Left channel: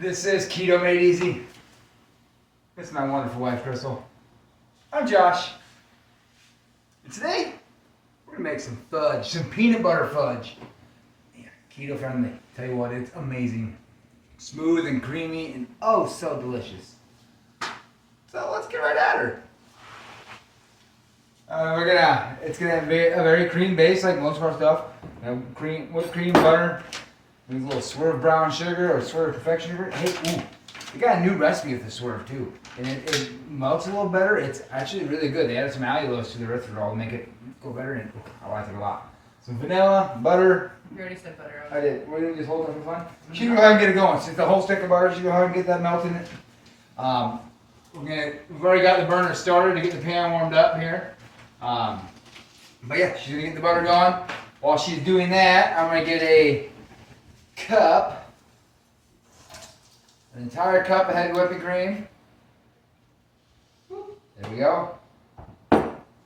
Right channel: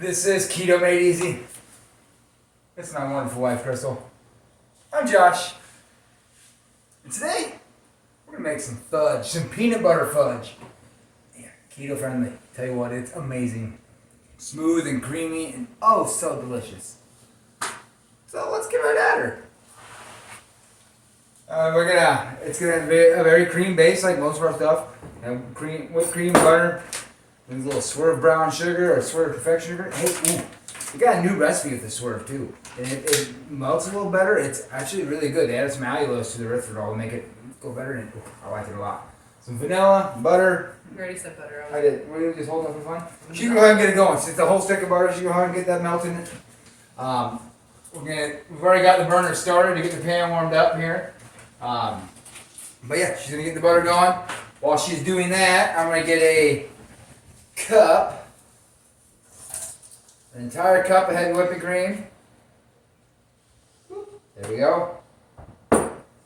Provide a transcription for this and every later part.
This is Keto Made Easy. It's my wonderful wife, Crystal. I'm Josh. And today, we're gonna make some fudge, some peanut butter fudge. Yeah, keto friendly. Tell you what, it's amazing. Smooth and creamy and oh so delicious. So let's get right at her. It's gonna have a very cream base like most of our stuff. Whipped cream, butter, and a little Swerve brown sugar or Swerve confectioner. Hey, ooh, we got a new recipe with the Swerve too. And it melts a little better. It's actually really good. They added some allulose to the rest of it all to make it go better. And I like it a lot. Some vanilla, butter. You already said butter. I did. We're gonna just hold that for fun. She can go ahead and get it going. Since the whole stick of butter, she can go ahead and get that melting. We've already got the burner started to get the pan warmed up here. But yeah, she's gonna get the butter going. While she's doing that, I'm gonna get a cup, an entire cup of heavy whipping cream. There we go.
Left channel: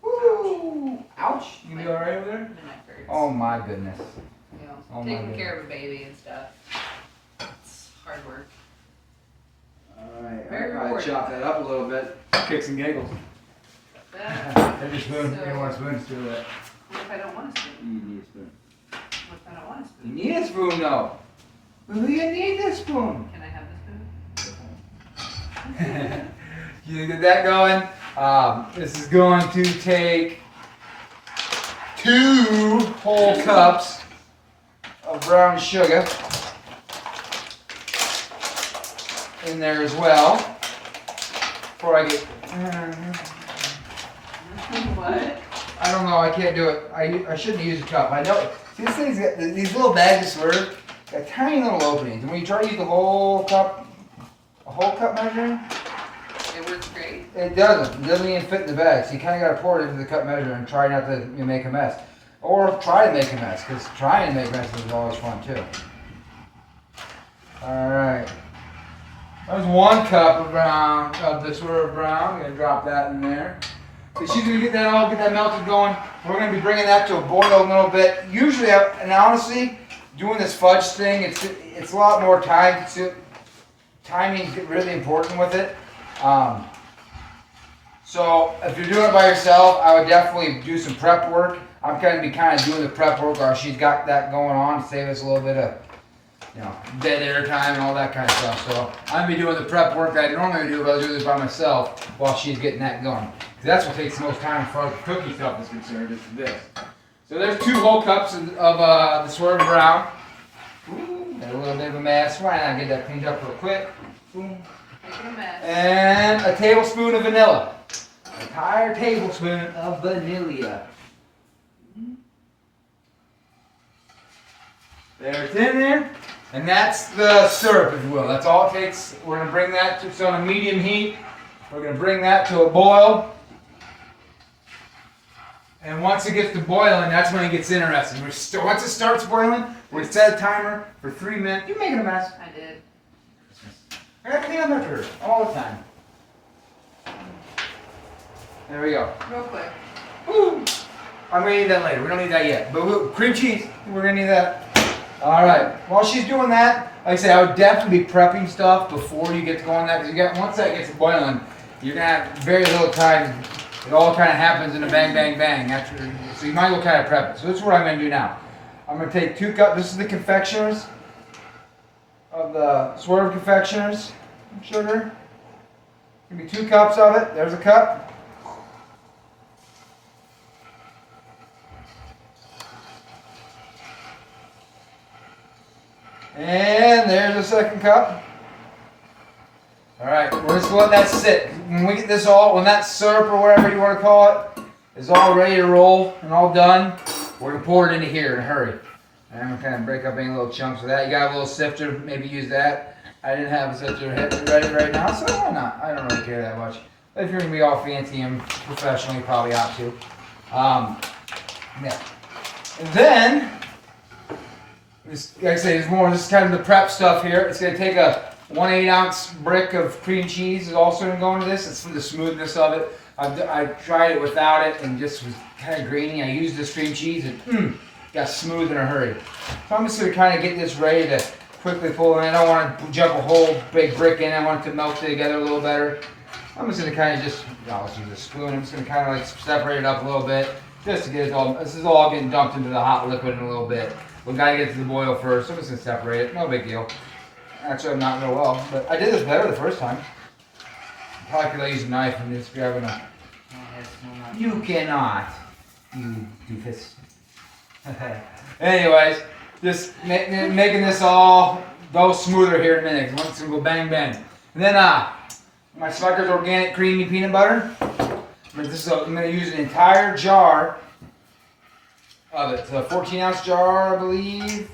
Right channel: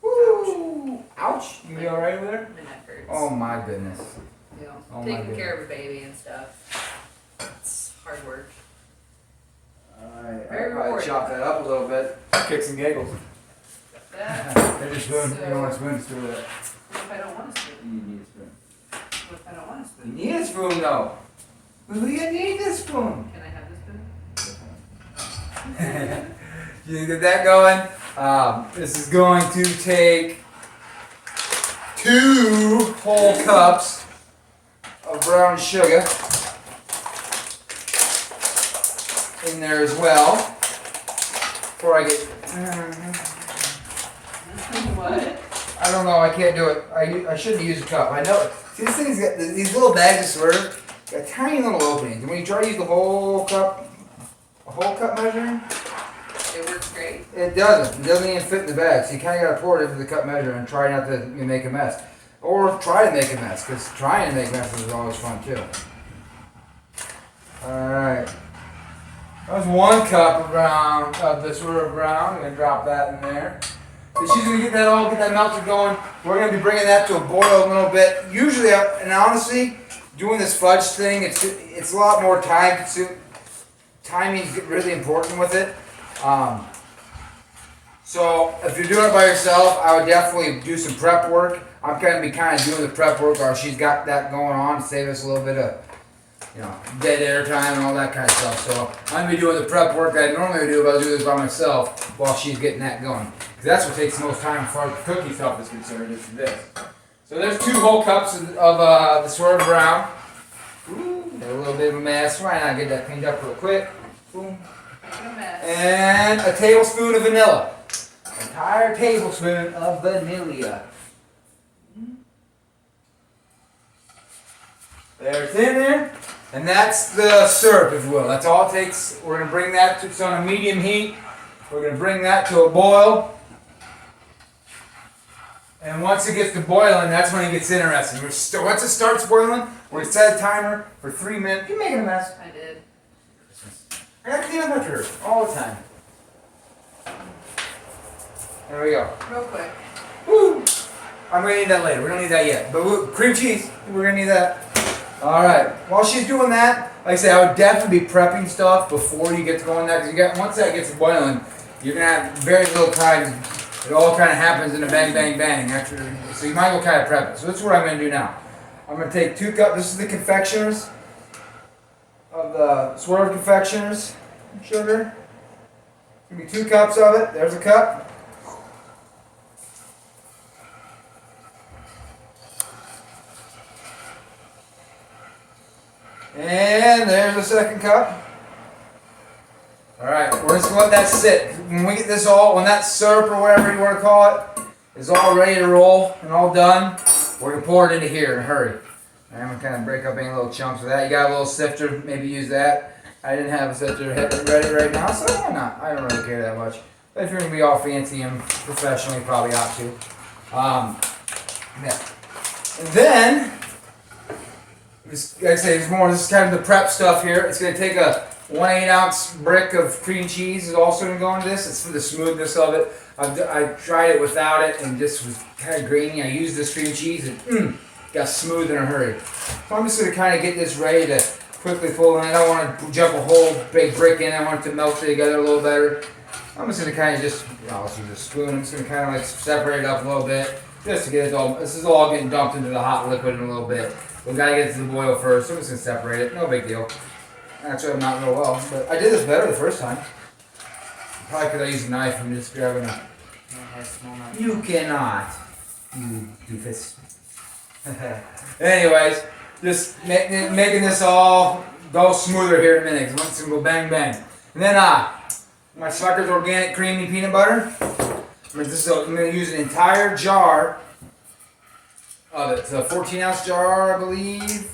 Woo! Ouch! You be all right over there? Oh my goodness. Yeah. Oh Taking care of a baby and stuff. It's hard work. Alright, Very I'll probably rewarding. chop that up a little bit. Kicks and giggles. Here's your spoon. You don't want a spoon to do that. What if I don't want a spoon? You need a spoon. What if I don't want a You spoon? need a spoon though. Who you need this spoon? Can I have the spoon? You get that going. This is going to take 2 whole cups of brown sugar in there as well. Before I get, What? I don't know, I can't do it. I shouldn't use a cup. I know. See, this thing's got these little bags of Swerve, got tiny little openings, and when you try to use the whole cup measuring, It works great. it doesn't. It doesn't even fit in the bag. So you kind of got to pour it into the cup measure and try not to make a mess. Or try to make a mess, because trying to make messes is always fun too. Alright. That was 1 cup of the Swerve brown. I'm going to drop that in there. So she's going to get that melted going. We're going to be bringing that to a boil a little bit. Usually, and honestly, doing this fudge thing, it's a lot more time consuming. Timing is really important with it. So if you're doing it by yourself, I would definitely do some prep work. I'm going to be kind of doing the prep work while she's got that going on to save us a little bit of, dead air time and all that kind of stuff. So I'm going to be doing the prep work that I normally do if I do this by myself while she's getting that going. Because that's what takes the most time for cooking stuff is concerned, is this. So there's 2 whole cups of the Swerve brown. Ooh, got a little bit of a mess. Why not get that cleaned up real quick? Boom. Making a mess. And a tablespoon of vanilla. An entire tablespoon of vanilla. There, it's in there. And that's the syrup, if you will. That's all it takes. We're going to bring that to it's on a medium heat. We're going to bring that to a boil. And once it gets to boiling, that's when it gets interesting. Once it starts boiling, we're going to set a timer for 3 minutes. You're making a mess. I did. I got to clean up her all the time. There we go. Real quick. Woo! I'm going to need that later. We don't need that yet. But cream cheese, we're going to need that. Alright. While she's doing that, like I say, I would definitely be prepping stuff before you get to going there. Because once that gets boiling, you're going to have very little time. It all kind of happens in a bang, bang, bang. So you might as well kind of prep it. So this is what I'm going to do now. I'm going to take 2 cups. This is the confectioners. Of the Swerve confectioners sugar. Give me 2 cups of it. There's a cup. And there's a second cup. Alright, we're just going to let that sit. When we get this when that syrup or whatever you want to call it is all ready to roll and all done, we're going to pour it into here in a hurry. And I'm going to kind of break up any little chunks of that. You got a little sifter, maybe use that. I didn't have a sifter ready right now, so why not? I don't really care that much. But if you're going to be all fancy and professional, you probably ought to. Yeah. And then, like I say, this is kind of the prep stuff here. It's going to take a 1/8 ounce brick of cream cheese is also going to go into this. It's for the smoothness of it. I tried it without it and just was kind of grainy. I used this cream cheese and got smooth in a hurry. So I'm just going to kind of get this ready to quickly full, and I don't want to jump a whole big brick in. I want it to melt together a little better. I'm just gonna kind of just, I'll just use a spoon. I'm just gonna kind of like separate it up a little bit, just to get it all. This is all getting dumped into the hot liquid in a little bit. We gotta get it to the boil first. So I'm just gonna separate it. No big deal. Actually, I'm not real well, but I did this better the first time. Probably could have used a knife. I'm just grabbing a. You cannot. You doofus. Anyways, just making this all go smoother here in a minute. Cause once it's gonna go bang bang. And then my Smuckers organic creamy peanut butter. I'm gonna use an entire jar of it. It's a 14-ounce jar, I believe.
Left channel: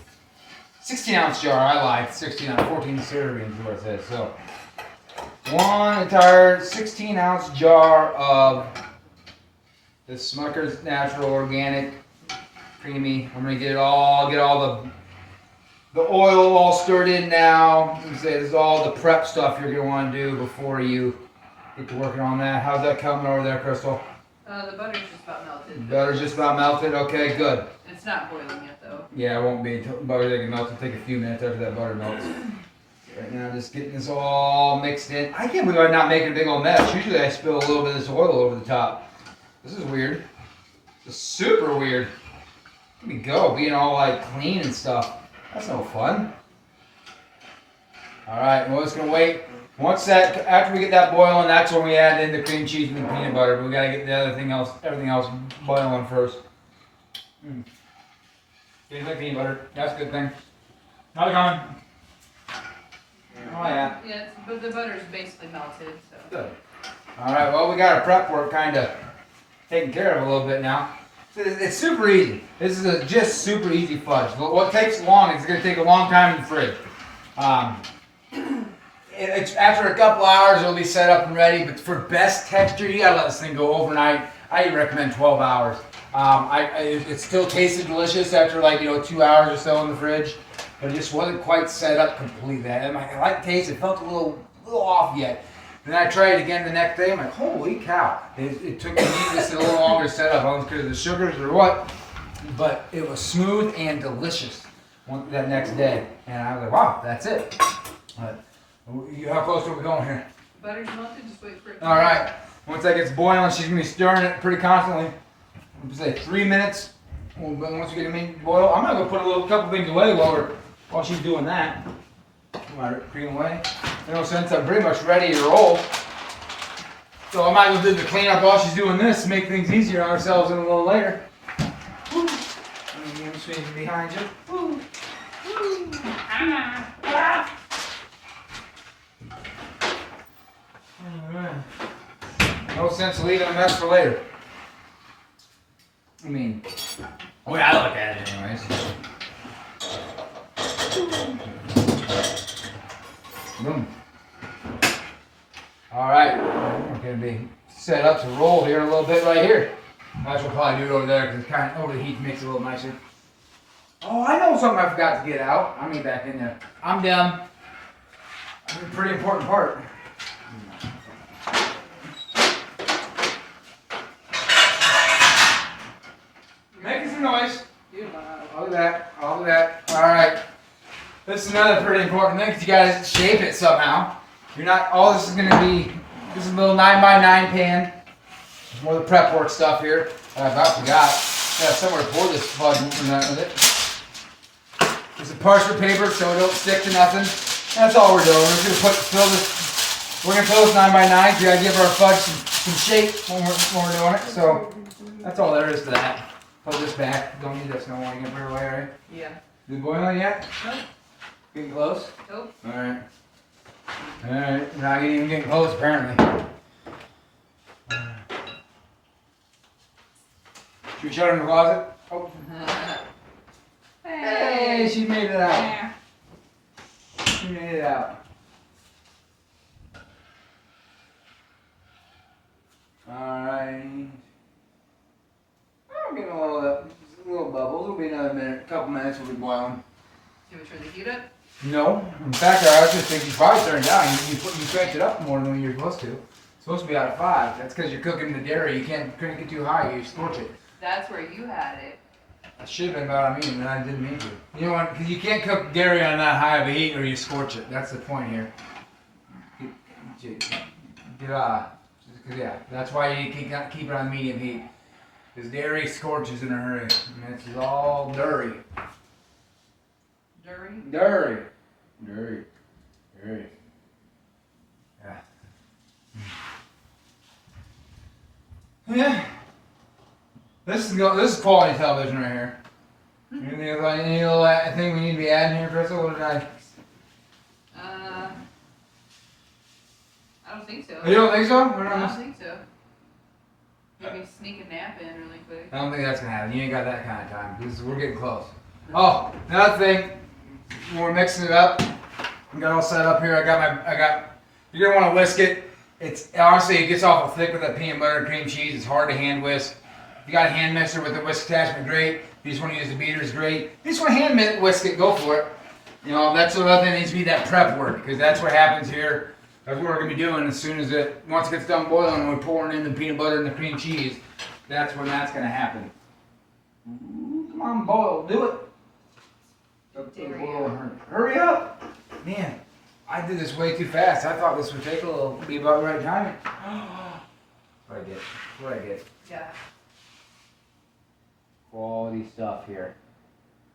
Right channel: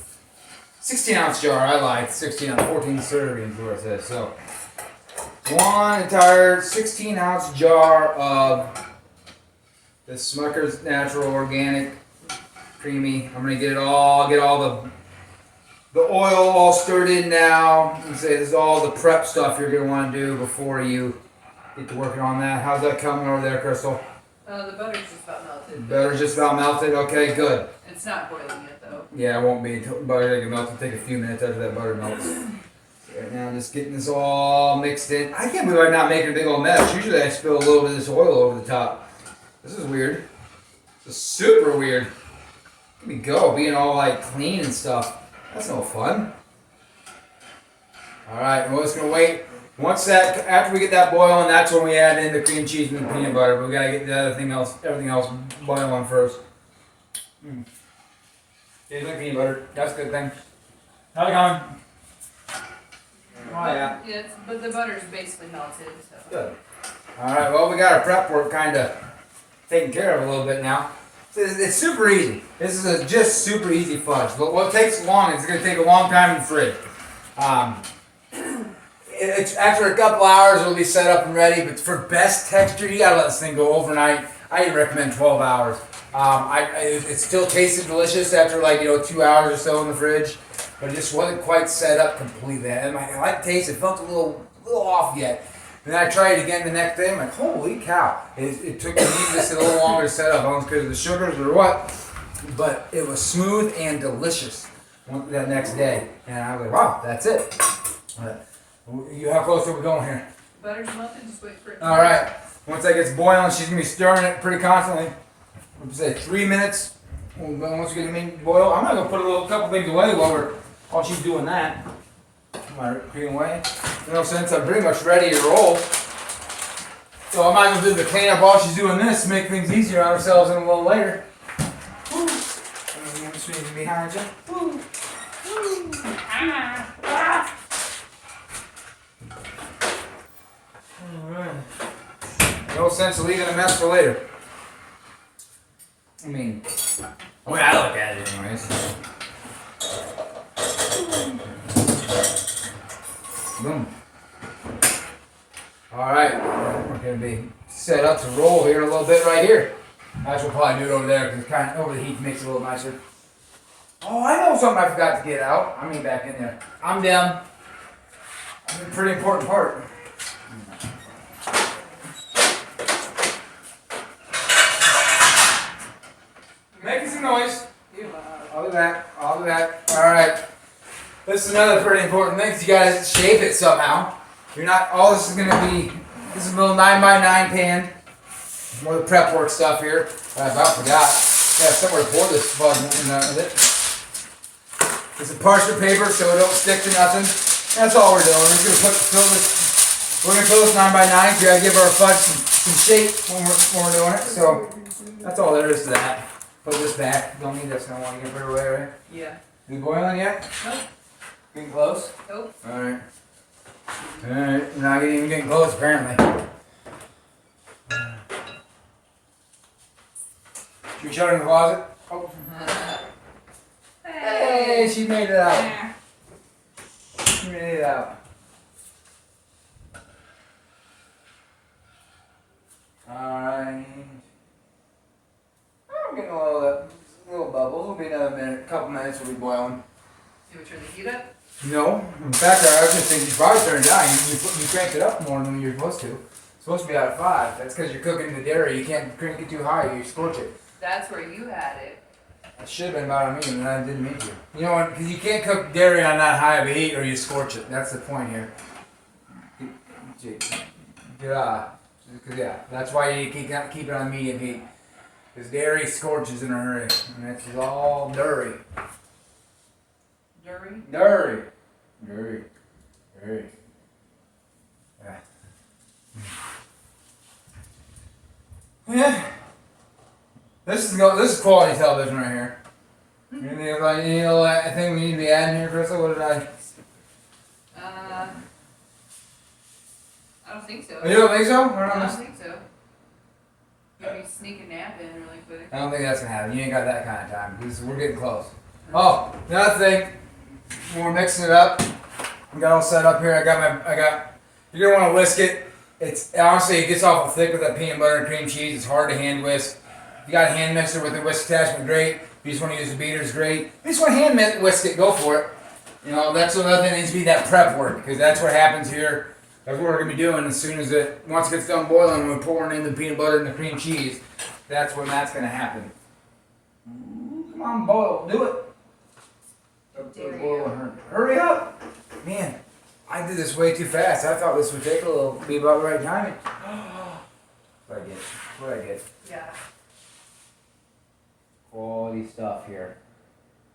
16-ounce jar. I lied. 16 ounce, 14 servings is what it says. So one entire 16-ounce jar of the Smuckers natural organic creamy. I'm gonna get all the oil all stirred in now. This is all the prep stuff you're gonna want to do before you get to working on that. How's that coming over there, Crystal? The butter's just about melted. Butter's just about melted. Okay, good. It's not boiling yet though. Yeah, it won't be until butter get melted. It'll take a few minutes after that butter melts. Right now, just getting this all mixed in. I can't believe I'm not making a big old mess. Usually, I spill a little bit of this oil over the top. This is weird. This is super weird. Let me go, being all like clean and stuff. That's no fun. All right, and we're just gonna wait. Once that, after we get that boiling, that's when we add in the cream cheese and the peanut butter. But we gotta get the everything else boiling first. Yeah, you like peanut butter. That's a good thing. How's it going? Oh yeah. Yeah, but the butter's basically melted. So. Good. All right. Well, we got our prep work kind of taken care of a little bit now. It's super easy. This is just super easy fudge. What takes long, it's going to take a long time in the fridge. After a couple hours, it'll be set up and ready. But for best texture, you got to let this thing go overnight. I recommend 12 hours. It still tasted delicious after 2 hours or so in the fridge, but it just wasn't quite set up completely. And I like the taste. It felt a little off yet. And then I tried it again the next day. I'm like, holy cow! It took me just a little longer to set up. I don't know because of the sugars or what, but it was smooth and delicious that next day. And I was like, wow, that's it. How close are we going here? Butter's melted. Just wait for it. All right. Once that gets boiling, she's gonna be stirring it pretty constantly. I'm say 3 minutes. Once we get the meat to boil, I'm gonna go put a couple things away while she's doing that. Put my cream away. Since I'm pretty much ready to roll, so I might as well do the cleanup while she's doing this to make things easier on ourselves in a little later. I'm swinging behind you. Alright. No sense of leaving a mess for later. I mean, the way I look at it anyways. Boom. Alright, we're going to be set up to roll here in a little bit right here. That's what we'll probably do it over there because it's kind of over the heat makes it a little nicer. Oh, I know something I forgot to get out. I mean back in there. I'm down. That's a pretty important part. Making some noise. I'll do that. Alright. This is another pretty important thing because you gotta shape it somehow. You're not, all this is gonna be, this is a little 9x9 pan. More of the prep work stuff here. I about forgot. Got somewhere to pour this fudge with it. It's a parchment paper so it don't stick to nothing. That's all we're doing. We're gonna fill this 9x9. We gotta give our fudge some shape when we're doing it. So that's all there is to that. Put this back. Don't need this no more. You can put it away, right? Yeah. Is it boiling yet? Nope. Getting close? Nope. Alright. Alright. Not even getting close apparently. Should we shut her in the closet? Oh. Hey, she made it out. She made it out. Alright. I'm getting a little bubbles. It'll be another minute, couple minutes. We'll be boiling. You want to turn the heat up? No. In fact, I was just thinking you probably turned it down. You cranked it up more than you're supposed to. It's supposed to be out of 5. That's because you're cooking the dairy. You can't crank it too high. You scorch it. That's where you had it. I should have been about on medium, and I didn't mean to. You know what? Because you can't cook dairy on that high of a heat, or you scorch it. That's the point here. Yeah, that's why you keep it on medium heat. Because dairy scorches in a hurry, and this is all dirty. Dirty? Dirty. Dirty. Dirty. Yeah. Yeah. This is quality television right here. Anything about any little thing we need to be adding here, Crystal? What did I? I don't think so. You don't think so? I don't think so. Maybe sneak a nap in really quick. I don't think that's gonna happen. You ain't got that kind of time. We're getting close. Oh, another thing. When we're mixing it up, we got all set up here. You're gonna want to whisk it. It's honestly, it gets awful thick with that peanut butter and cream cheese. It's hard to hand whisk. If you got a hand mixer with a whisk attachment, great. If you just want to use the beaters, great. If you just want to hand whisk it, go for it. You know, that's another thing that needs to be that prep work, because that's what happens here. That's what we're gonna be doing as soon as once it gets done boiling, we're pouring in the peanut butter and the cream cheese. That's when that's gonna happen. Ooh, come on, boil, do it. Hurry up, man! I did this way too fast. I thought this would take be about the right timing. What I get? Yeah. Quality stuff here.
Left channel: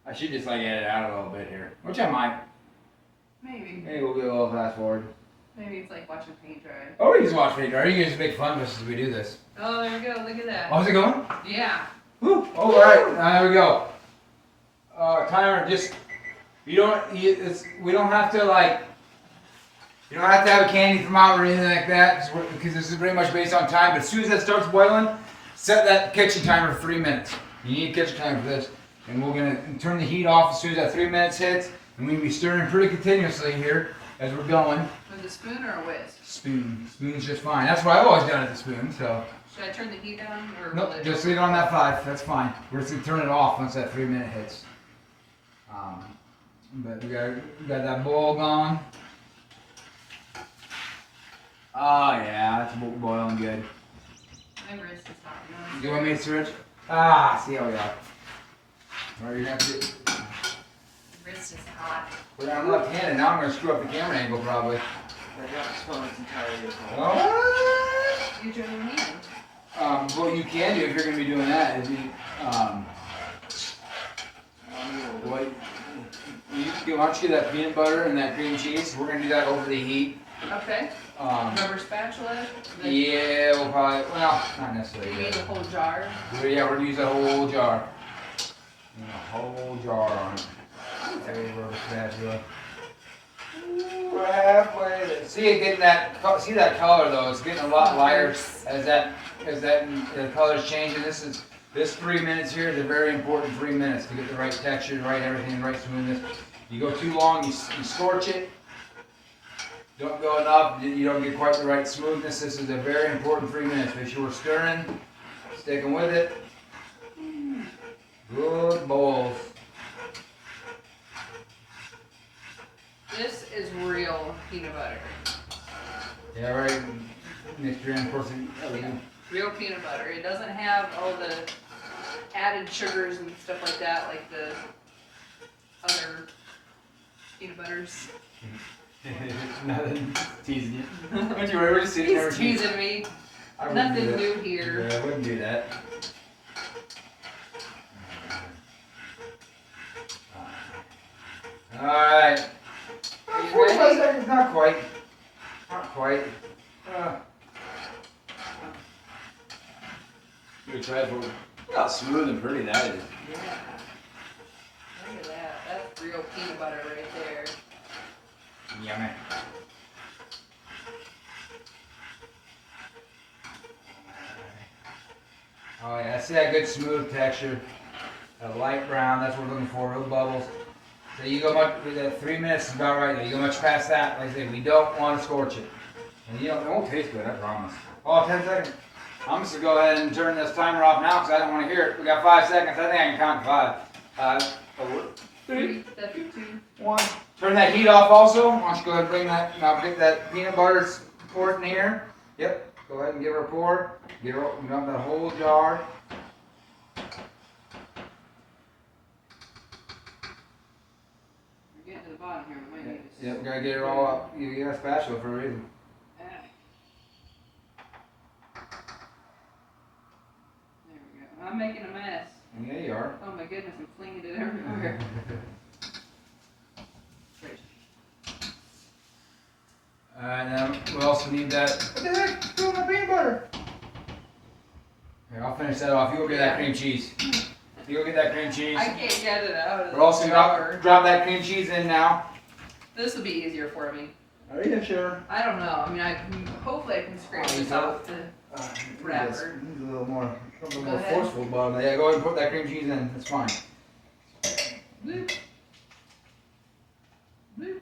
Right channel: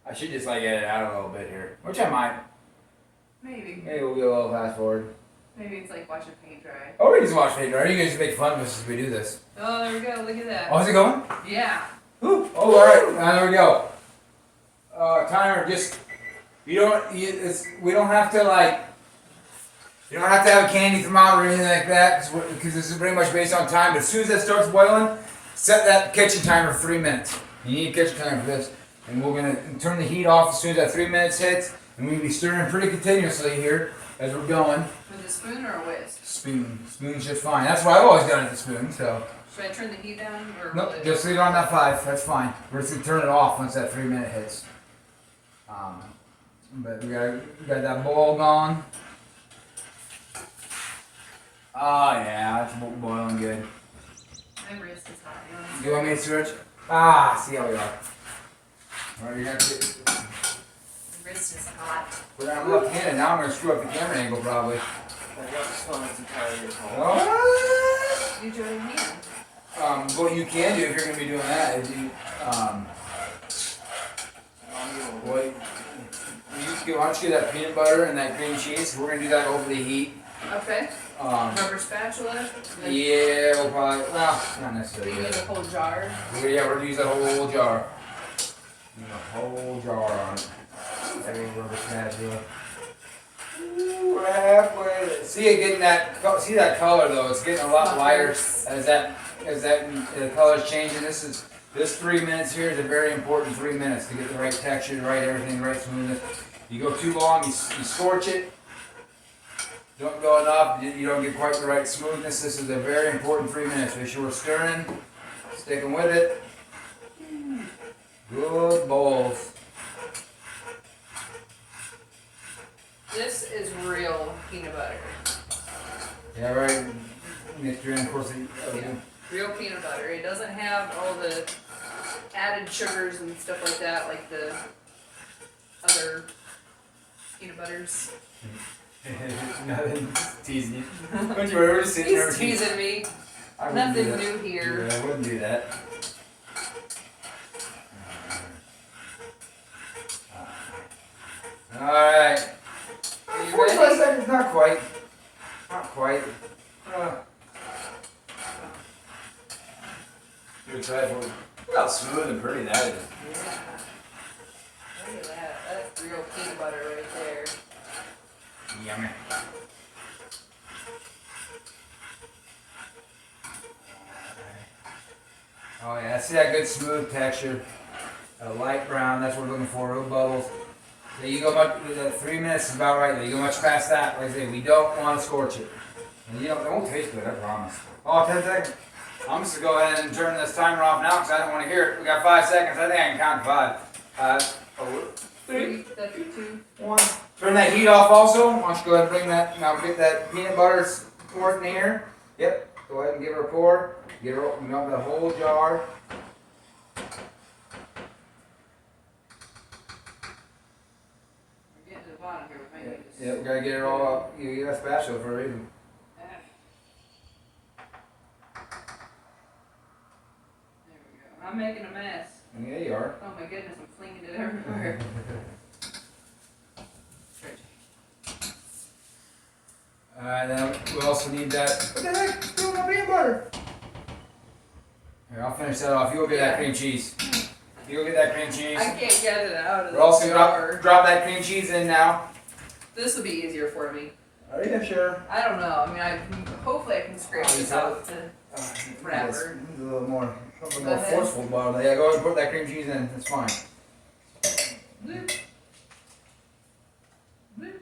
I should just edit out a little bit here, which I might. Maybe. Maybe we'll do a little fast forward. Maybe it's like watching paint dry. Oh, we just watch paint dry. You guys just make fun of us as we do this. Oh, there we go. Look at that. Oh, is it going? Yeah. Ooh. Oh, all right. There we go. Timer. We don't have to you don't have to have a candy thermometer or anything like that, because this is pretty much based on time. But as soon as that starts boiling, set that kitchen timer for 3 minutes. You need a kitchen timer for this, and we're gonna turn the heat off as soon as that 3 minutes hits, and we'll be stirring pretty continuously here as we're going. With a spoon or a whisk? Spoon. Spoon's just fine. That's what I've always done with the spoon. So. Should I turn the heat down or? Nope, just leave it on that 5. That's fine. We're just gonna turn it off once that 3 minute hits. But we got that boil going. Oh yeah, that's boiling good. My wrist is hot. You want me to switch? See how we are. Alright, you're gonna have to. The wrist is hot. I'm left-handed. Now I'm gonna screw up the camera angle probably. I got this one that's entirely cold. What? You join me. What you can do if you're gonna be doing that is why don't you get that peanut butter and that cream cheese? We're gonna do that over the heat. Okay. Rubber spatula. Yeah, we'll probably. Well, not necessarily. You use a whole jar. Yeah, we're gonna use a whole jar. A whole jar on it. Rubber spatula. Ooh, we're halfway there. See it getting that. See that color though? It's getting a lot lighter as the color's changing. This 3 minutes here is a very important 3 minutes to get the right texture, the right everything, the right smoothness. You go too long, you scorch it. Don't go enough, you don't get quite the right smoothness. This is a very important 3 minutes. Make sure we're stirring, sticking with it. Good bowls. This is real peanut butter. Yeah, right. Mixture in, of course. Everything. Real peanut butter. It doesn't have all the added sugars and stuff like that, like the other peanut butters. Nothing. Teasing you. Don't you worry, we're just sitting there. He's teasing me. Nothing new here. Yeah, I wouldn't do that. Alright. 45 seconds, not quite. Not quite. You're trying for. Look how smooth and pretty that is. Yeah. Look at that. That's real peanut butter right there. Yummy. Oh yeah, see that good smooth texture. A light brown, that's what we're looking for, little bubbles. So you go much, 3 minutes is about right there. You go much past that, like I say, we don't want to scorch it. And it won't taste good, I promise. Oh, 10 seconds. I'm just going to go ahead and turn this timer off now because I don't want to hear it. We got 5 seconds. I think I can count to 5. 4, 3, 2, 1. Turn that heat off also. Why don't you go ahead and bring that, now get that peanut butter poured in here. Yep. Go ahead and give her a pour. Get her, that whole jar. Yep, we gotta get it all up. You get a spatula for a reason. There we go. I'm making a mess. Yeah, you are. Oh my goodness, I'm flinging it everywhere. Now we also need that. What the heck? Do my peanut butter. Here, I'll finish that off. You go get that cream cheese. You go get that cream cheese. I can't get it out of the We're also drawer. gonna drop that cream cheese in now. This will be easier for me. Are you sure? I don't know. I mean, hopefully I can scrape this out with the wrapper. A little more forceful bottom. Yeah, go ahead and put that cream cheese in. It's fine. Bloop. Bloop.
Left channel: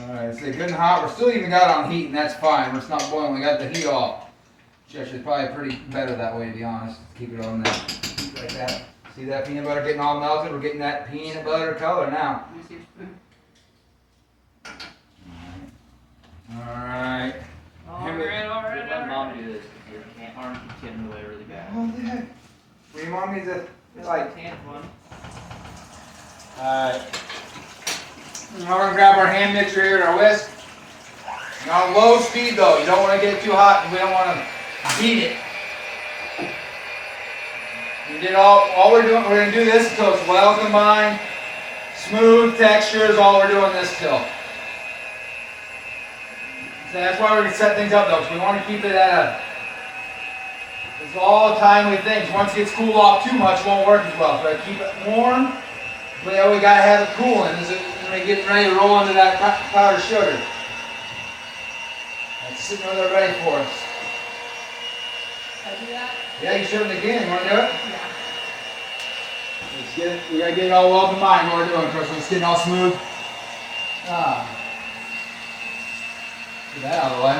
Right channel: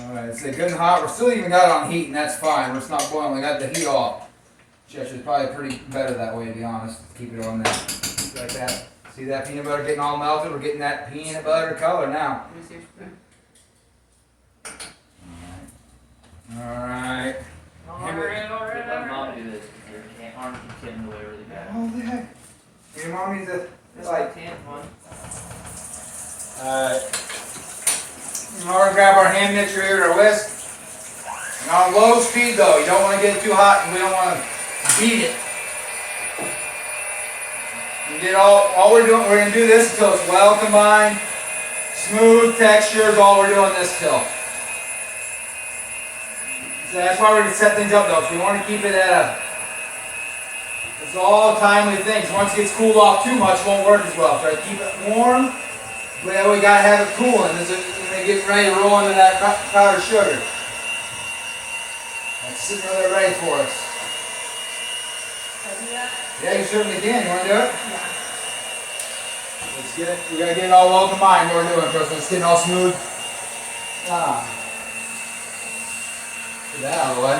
Alright, it's good and hot. We're still even got it on heat, and that's fine. It's not boiling. We got the heat off. Which actually probably pretty better that way, to be honest. Keep it on that heat like that. See that peanut butter getting all melted? We're getting that peanut butter color now. Let me see your spoon. Alright. Let my mom do this because your arm keeps getting away really bad. Oh, yeah. Your mommy's a It's like. like 10th one. Alright. Now we're gonna grab our hand mixer here and our whisk. And on low speed though, you don't want to get it too hot and we don't want to beat it. We did all we're gonna do this until it's well combined. Smooth texture is all we're doing this till. So that's why we're gonna set things up though, because we want to keep it at a. It's all timely things. Once it gets cooled off too much, it won't work as well. So keep it warm. But yeah, we gotta have it cooling as it gets ready to roll into that powdered sugar. That's sitting over there ready for us. Can I do that? Yeah, you certainly can. You wanna do it? Yeah. Let's get it. We gotta get it all well combined. What we're doing, Chris. It's getting all smooth. Get that out of the way.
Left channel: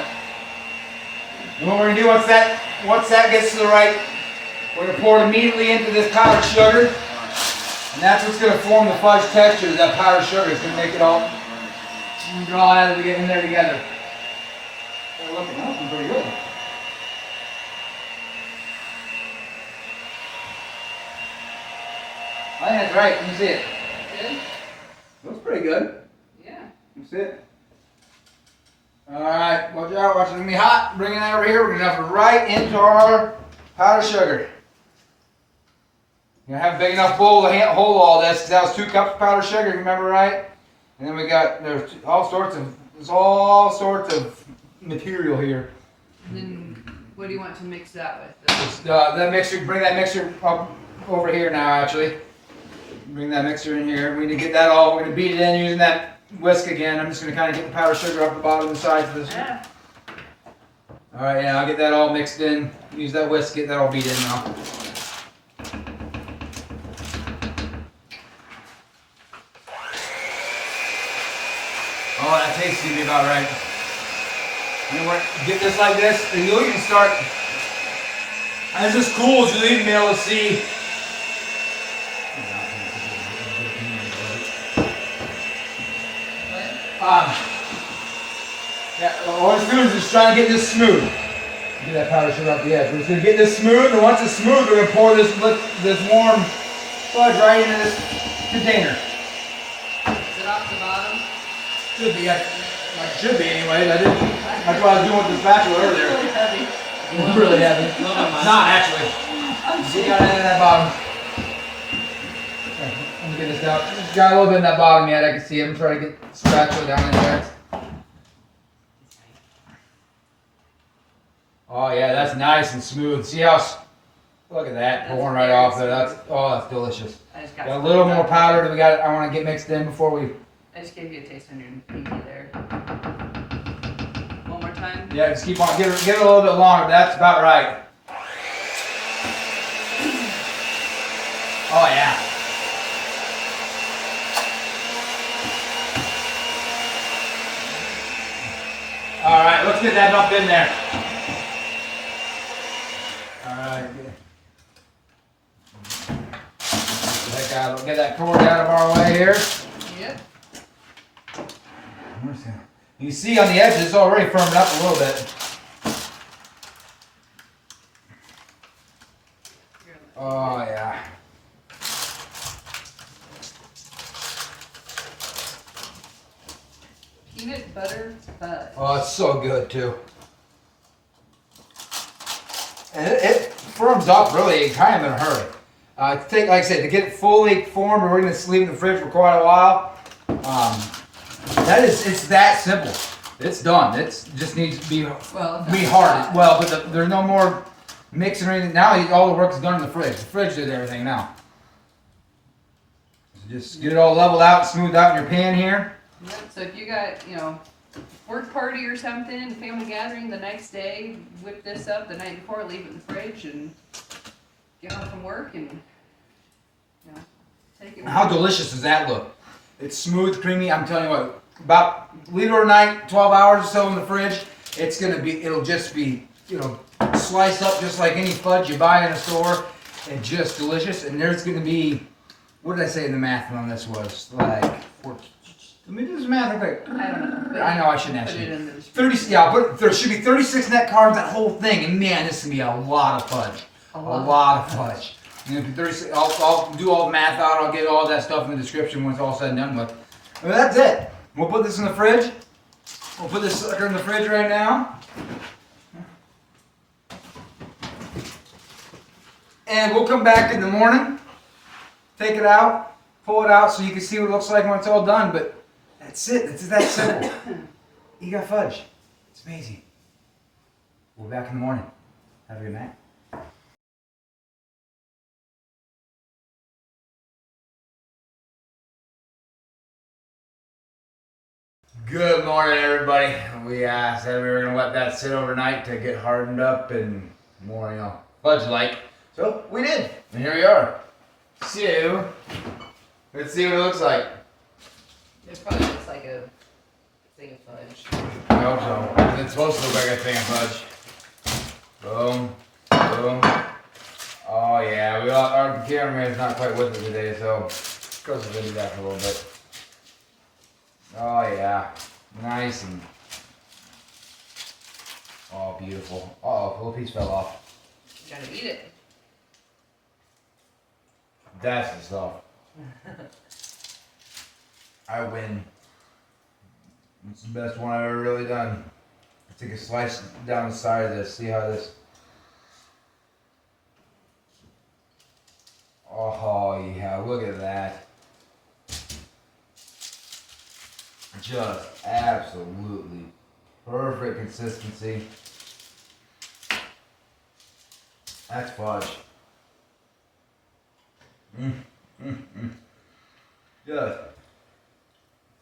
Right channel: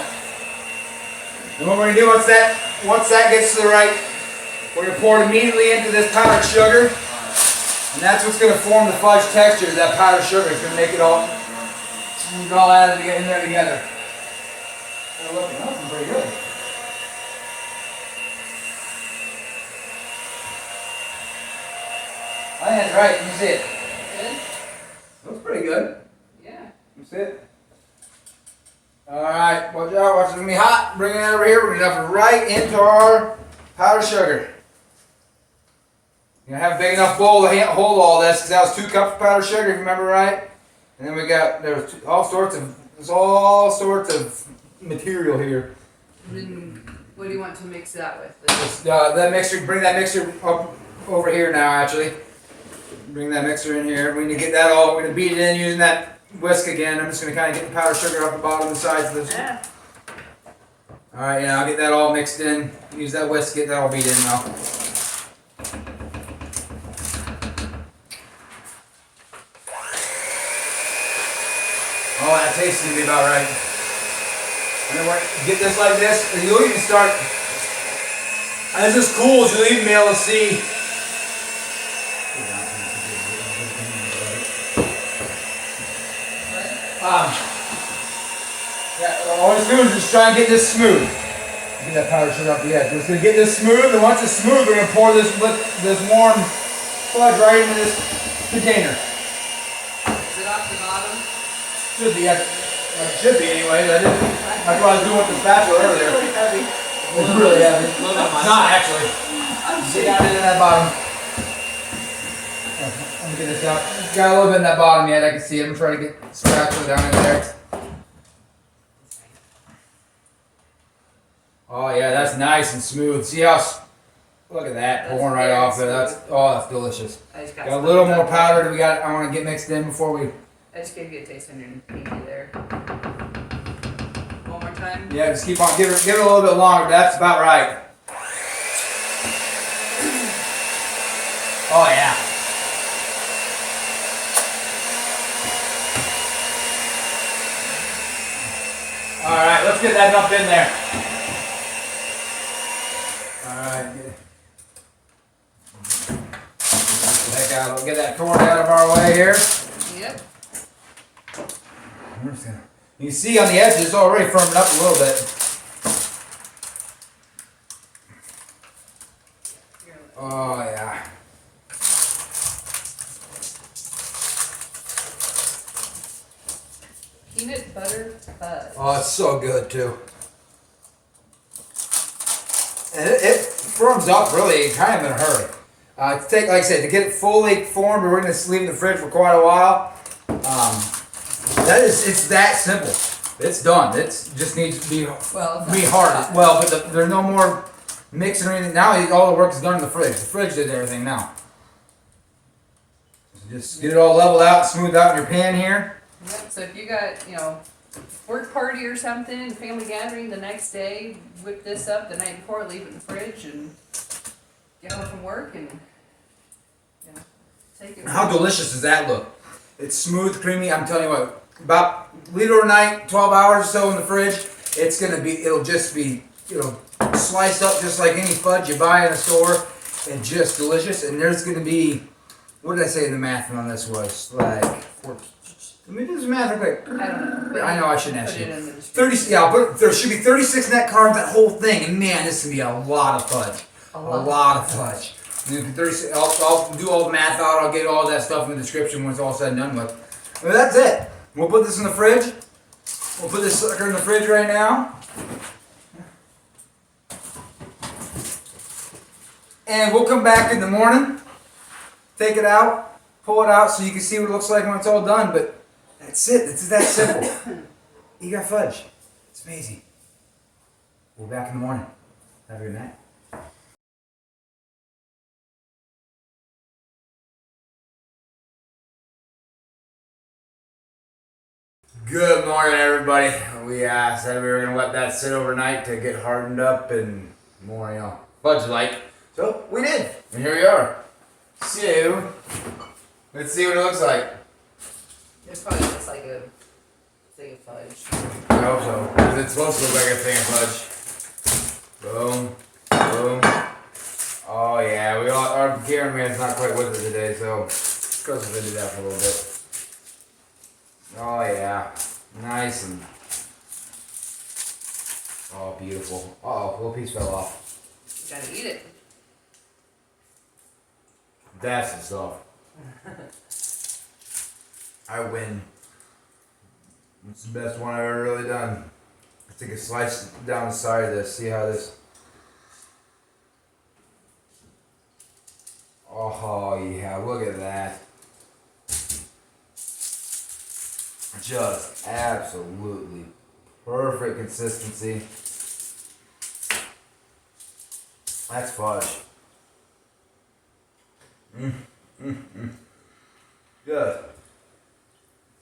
And what we're gonna do once that gets to the right, we're gonna pour it immediately into this powdered sugar. And that's what's going to form the fudge texture, that powdered sugar. It's going to make it all add it in there together. They're looking pretty good. I think that's right. Let me see it. Good? Looks pretty good. Yeah. Let me see it. Alright, watch out. Watch it going to be hot. Bring it over here. We're going to dump it right into our powdered sugar. You're gonna have a big enough bowl to hold all this, because that was 2 cups of powdered sugar, if you remember right. And then we got there's all sorts of material here. And then, what do you want to mix that with? That mixer, bring that mixer up over here now. Actually, bring that mixer in here. We need to get that all. We're gonna beat it in using that whisk again. I'm just gonna kind of get the powdered sugar up the bottom and the sides of this. Yeah. All right, yeah, I'll get that all mixed in. Use that whisk, get that all beat in now. Oh, that tastes gonna be about right. And then get this like this, and you'll even start. As this cools, you'll even be able to see. Yeah, all it's doing is just trying to get this smooth. Get that powdered sugar up the edge. We're just gonna get this smooth, and once it's smooth, we're gonna pour this warm fudge right into this container. Is it off the bottom? Should be, it should be anyways. That's what I was doing with the spatula earlier. Really heavy. It's really heavy. It's not actually. See down in that bottom. Let me get this out. It's got a little bit in that bottom yet. I can see it. I'm trying to get the spatula down in there. Oh yeah, that's nice and smooth. See how? Look at that pouring right off there. That's delicious. I just Got a little more powder that we got. I want to get mixed in before we. I just gave you a taste on your pinky there. One more time. Yeah, just keep on. Give it a little bit longer. That's about right. Oh yeah. All right, let's get that up in there. All right. Get that corn out of our way here. Yep. You see on the edges, it's already firmed up a little bit. Oh yeah. peanut butter fudge. Oh, it's so good too. And it firms up really kind of in a hurry. To take, like I said, to get it fully formed, we're going to leave it in the fridge for quite a while. It's that simple. It's done. It just needs to be hard. Well, but there's no more mixing or anything. Now all the work is done in the fridge. The fridge did everything now. So just get it all leveled out, smoothed out in your pan here. Yep. So if you got, work party or something, family gathering the next day, whip this up the night before, leave it in the fridge, and get home from work and take it. How delicious does that look? It's smooth, creamy. I'm telling you what, about liter a night, 12 hours or so in the fridge, it'll just be, sliced up just like any fudge you buy in a store, and just delicious. And there's gonna be, what did I say the math on this was? Like, let me do this math real quick. I don't know. I know I shouldn't ask Put it you. in the 30, yeah, but there should be 36 net carbs, that whole thing, and man, this is gonna be a lot of fudge. A lot of fudge. And 36, I'll do all the math out, I'll get all that stuff in the description when it's all said and done with. But that's it. We'll put this in the fridge. We'll put this sucker in the fridge right now. And we'll come back in the morning, take it out, pull it out so you can see what it looks like when it's all done. But that's it. It's that simple. You got fudge. It's amazing. We'll be back in the morning. Have a good night. Good morning, everybody. We said we were going to let that sit overnight to get hardened up and more, fudge-like. So we did, and here we are. So, let's see what it looks like. It probably looks like a thing of fudge. I hope so, because it's supposed to look like a thing of fudge. Boom, boom. Oh yeah, our cameraman's not quite with us today, so Chris is going to do that for a little bit. Oh yeah, nice and beautiful. Uh-oh, a little piece fell off. You gotta eat it. That's the stuff. I win. It's the best one I've ever really done. I take a slice down the side of this. See how this. Oh yeah, look at that. Just absolutely perfect consistency. That's fudge. Good.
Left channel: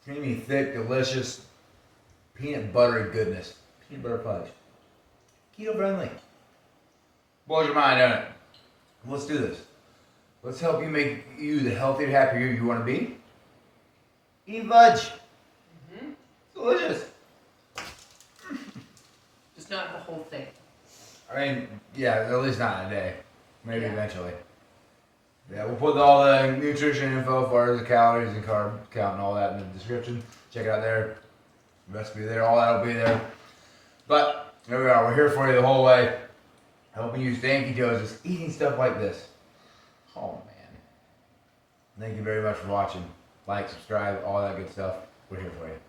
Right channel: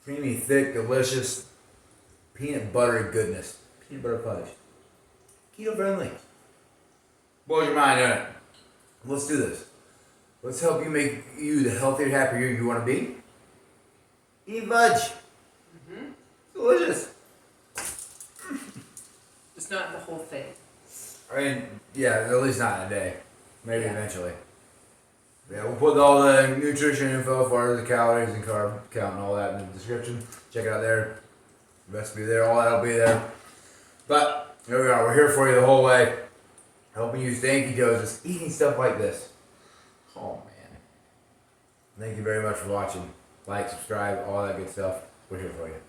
Creamy, thick, delicious, peanut buttery goodness. Peanut butter fudge. Keto friendly. Blows your mind, doesn't it? Let's do this. Let's help you make you the healthier, happier you want to be. Eat fudge. Delicious. Just not the whole thing. I mean, yeah, at least not in a day. Maybe eventually. Yeah, we'll put all the nutrition info for the calories and carb count and all that in the description. Check it out there. Recipe there, all that'll be there. But here we are. We're here for you the whole way, helping you stay in ketosis, eating stuff like this. Oh man! Thank you very much for watching. Like, subscribe, all that good stuff. We're here for you.